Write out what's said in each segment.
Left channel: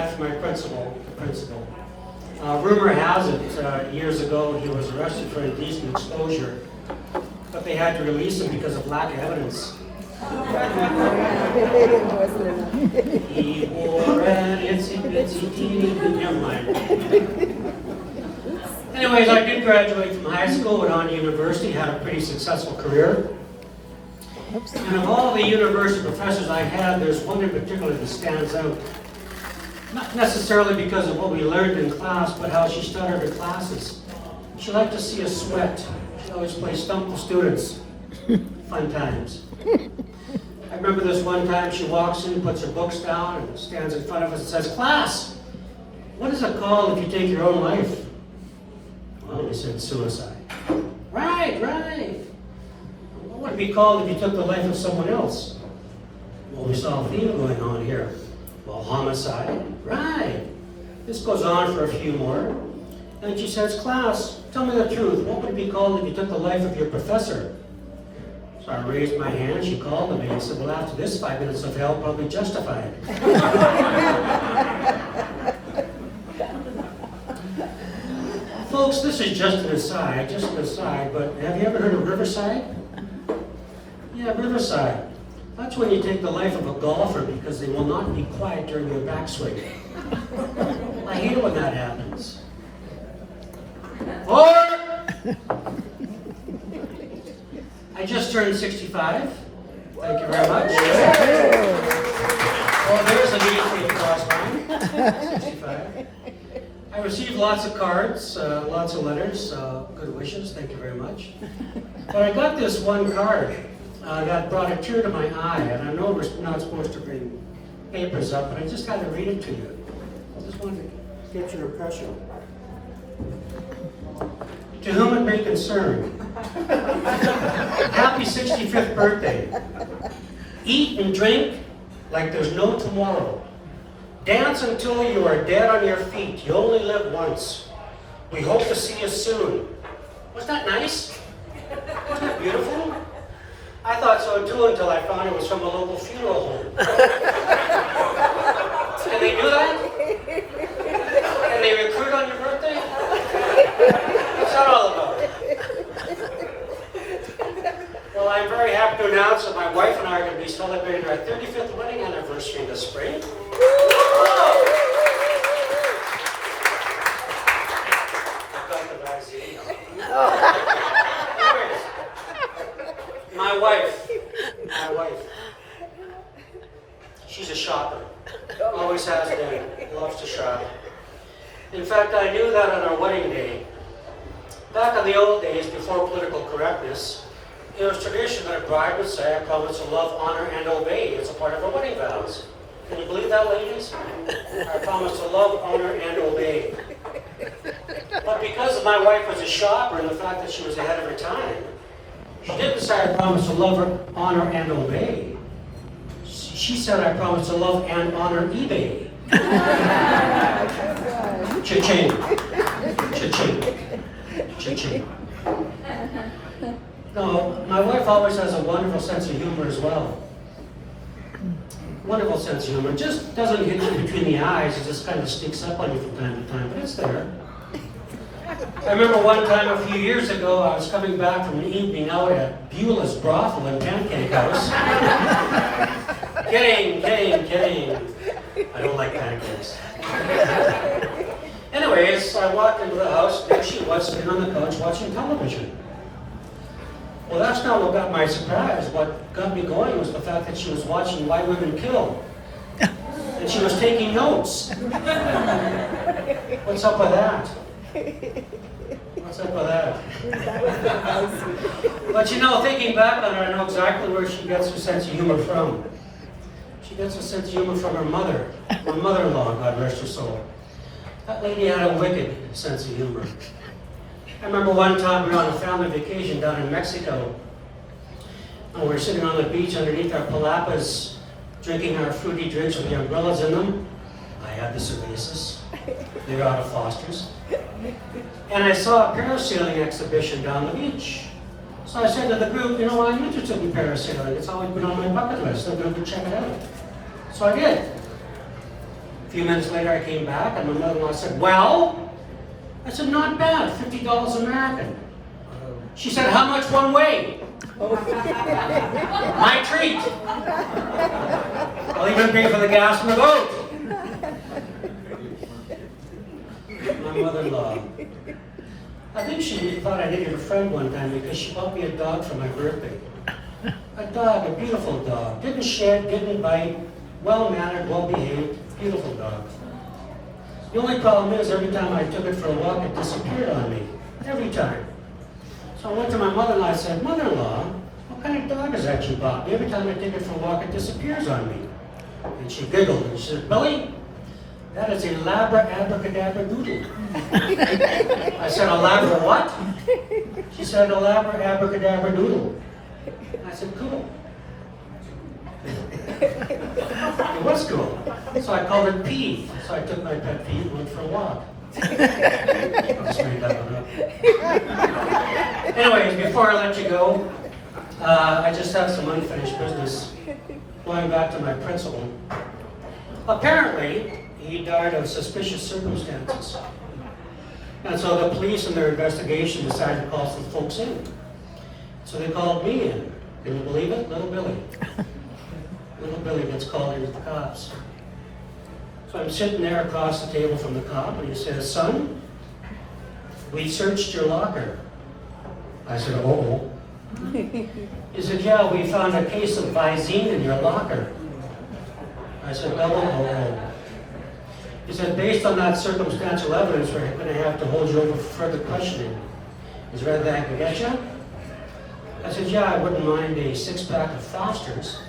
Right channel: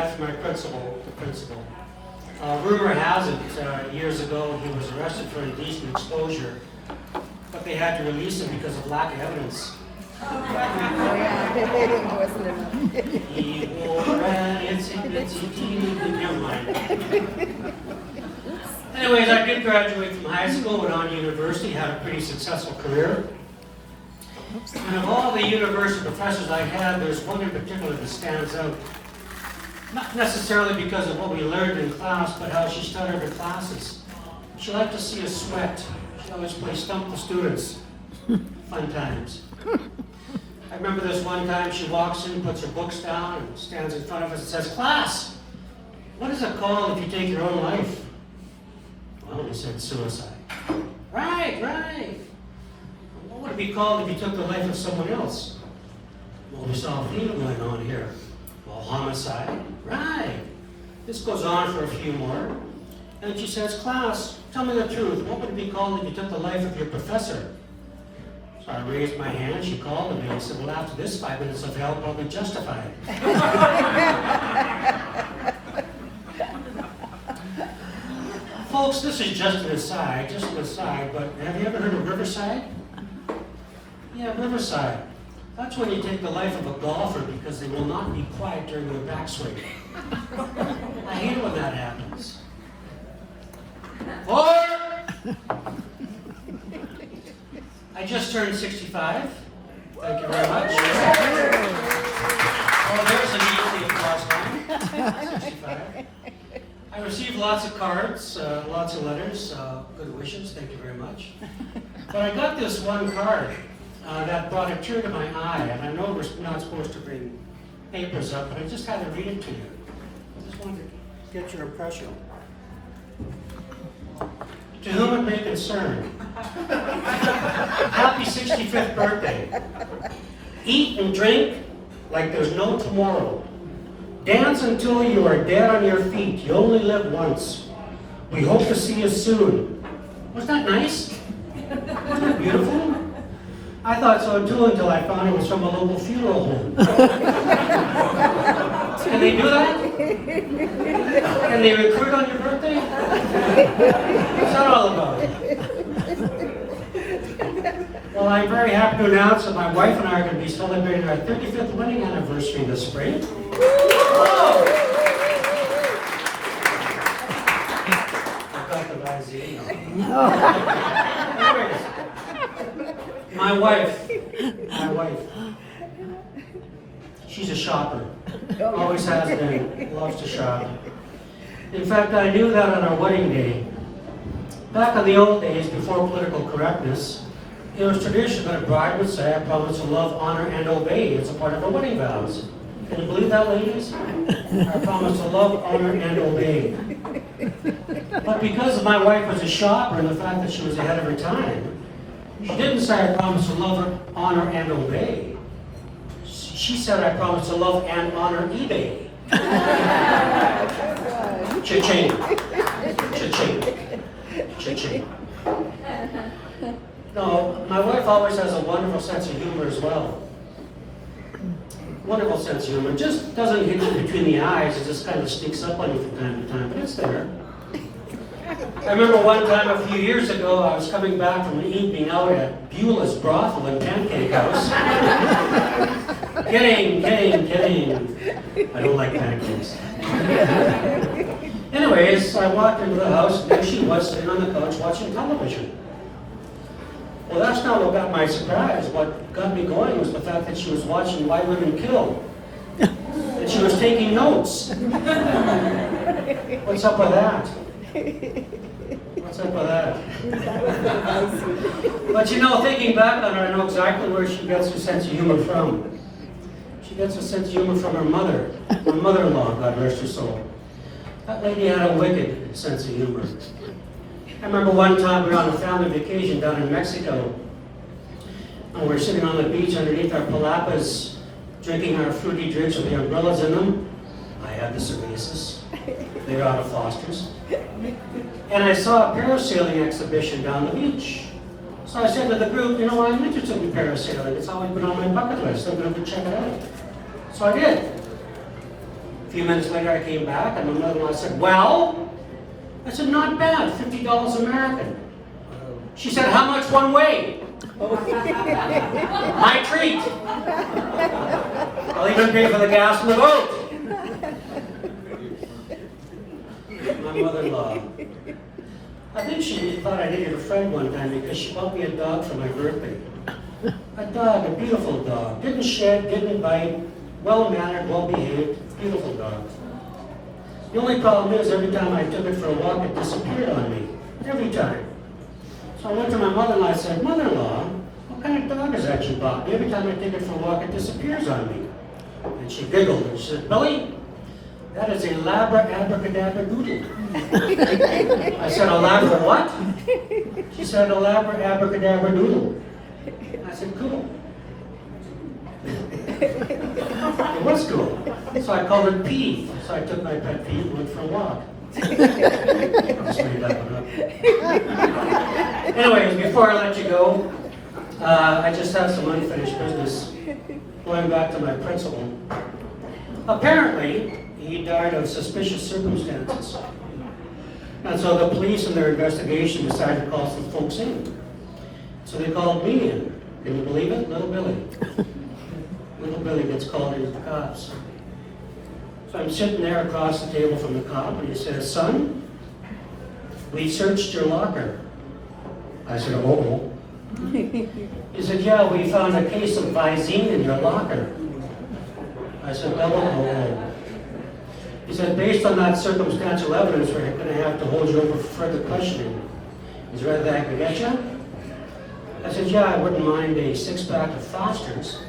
back from our principal. Rumor has it, years ago, he was arrested for indecent exposure, but they had to release him because of lack of evidence. He wore an itsy-bitsy teeny, never mind. Anyways, I did graduate from high school, went on to university, had a pretty successful career. And of all the university professors I had, there's one in particular that stands out. Not necessarily because of what we learned in class, but how she started her classes. She liked to see us sweat. She always played stump the students. Fun times. I remember this one time she walks in, puts her books down, and stands in front of us and says, "Class, what is it called if you take your own life?" Well, we said suicide. Right. What would it be called if you took the life of someone else? Well, we saw a theme going on here. Well, homicide. Right. This goes on for a few more. And she says, "Class, tell me the truth. What would it be called if you took the life of your professor?" So I raised my hand. She called me and said, "Well, after this 5 minutes of hell, probably justified." Folks, this is just an aside, but have you ever heard of Riverside? Yeah, Riverside. That's when you take the life of a golfer because they will not be quiet during their backswing. I hate it when that happens. Or, I just turned 65. Thank you very much. Well, there's an easy applause line. 65. I received lots of cards, lots of letters, good wishes, thank you very much. But I got this one card that brought a tear to my eye, and I know we're not supposed to bring papers up, but I just had to read it to you. I just wanted to get your impression. To whom it may concern, happy 65th birthday. Eat and drink like there's no tomorrow. Dance until you are dead on your feet. You only live once. We hope to see you soon. Wasn't that nice? Isn't that beautiful? I thought so too until I found it was from a local funeral home. Can they do that? Can they recruit on your birthday? What's that all about? Well, I'm very happy to announce that my wife and I are going to be celebrating our 35th wedding anniversary this spring. My wife, she's a shopper. Always has been, loves to shop. In fact, I knew that on our wedding day. Back in the old days, before political correctness, it was tradition that a bride would say, "I promise to love, honor, and obey." It's a part of her wedding vows. Can you believe that, ladies? I promise to love, honor, and obey. But because my wife was a shopper and the fact that she was ahead of her time, she didn't say, "I promise to love, honor, and obey." She said, "I promise to love and honor eBay." Cha-ching. Cha-ching. Cha-ching. No, my wife always has a wonderful sense of humor as well. Wonderful sense of humor. Just doesn't hit you between the eyes. It just kind of sneaks up on you from time to time, but it's there. I remember one time a few years ago, I was coming back from an evening out at Beulah's Brothel and Pancake House. Kidding. I don't like pancakes. Anyways, I walked into the house, and there she was sitting on the couch watching television. Well, that's not what got my surprise. What got me going was the fact that she was watching Why Women Kill. And she was taking notes. What's up with that? But you know, thinking back on it, I know exactly where she gets her sense of humor from. She gets her sense of humor from her mother, her mother-in-law, God rest her soul. That lady had a wicked sense of humor. I remember one time we were on a family vacation down in Mexico, and we were sitting on the beach underneath our palapas, drinking our fruity drinks with the umbrellas in them. I had the cervezas. They were out of Foster's. And I saw a parasailing exhibition down the beach. So I said to the group, "You know what, I'm interested in parasailing. It's always been on my bucket list. I'm going to check it out." So I did. A few minutes later, I came back, and my mother-in-law said, well? I said, not bad, $50 American. She said, how much one way? My treat. I'll even pay for the gas in the boat. My mother-in-law. I think she thought I needed a friend one time because she bought me a dog for my birthday. A dog, a beautiful dog. Didn't shed, didn't bite, well-mannered, well-behaved, beautiful dog. The only problem is every time I took it for a walk, it disappeared on me. Every time. So I went to my mother-in-law and I said, Mother-in-law, what kind of dog is that you bought? Every time I take it for a walk, it disappears on me. And she giggled and she said, Billy, that is a Labra abracadabra doodle. I said, a Labra what? She said, a Labra abracadabra doodle. I said, cool. It was cool. So I called it Pete. So I took my pet Pete and went for a walk. Anyways, before I let you go, I just have some unfinished business. Going back to my principal. Apparently, he died of suspicious circumstances. And so the police in their investigation decided to call some folks in. So they called me in. Can you believe it? Little Billy. Little Billy gets called into the cops. So I'm sitting there across the table from the cop, and he says, son, we searched your locker. I said, oh. He said, yeah, we found a case of Visine in your locker. I said, oh. He said, based on that circumstantial evidence, we're going to have to hold you for further questioning. Is there anything I can get you? I said, yeah, I wouldn't mind a 6-pack of Foster's.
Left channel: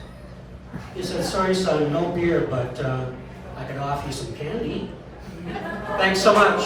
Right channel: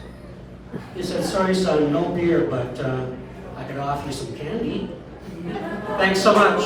He said, sorry, son, no beer, but I could offer you some candy. Thanks so much.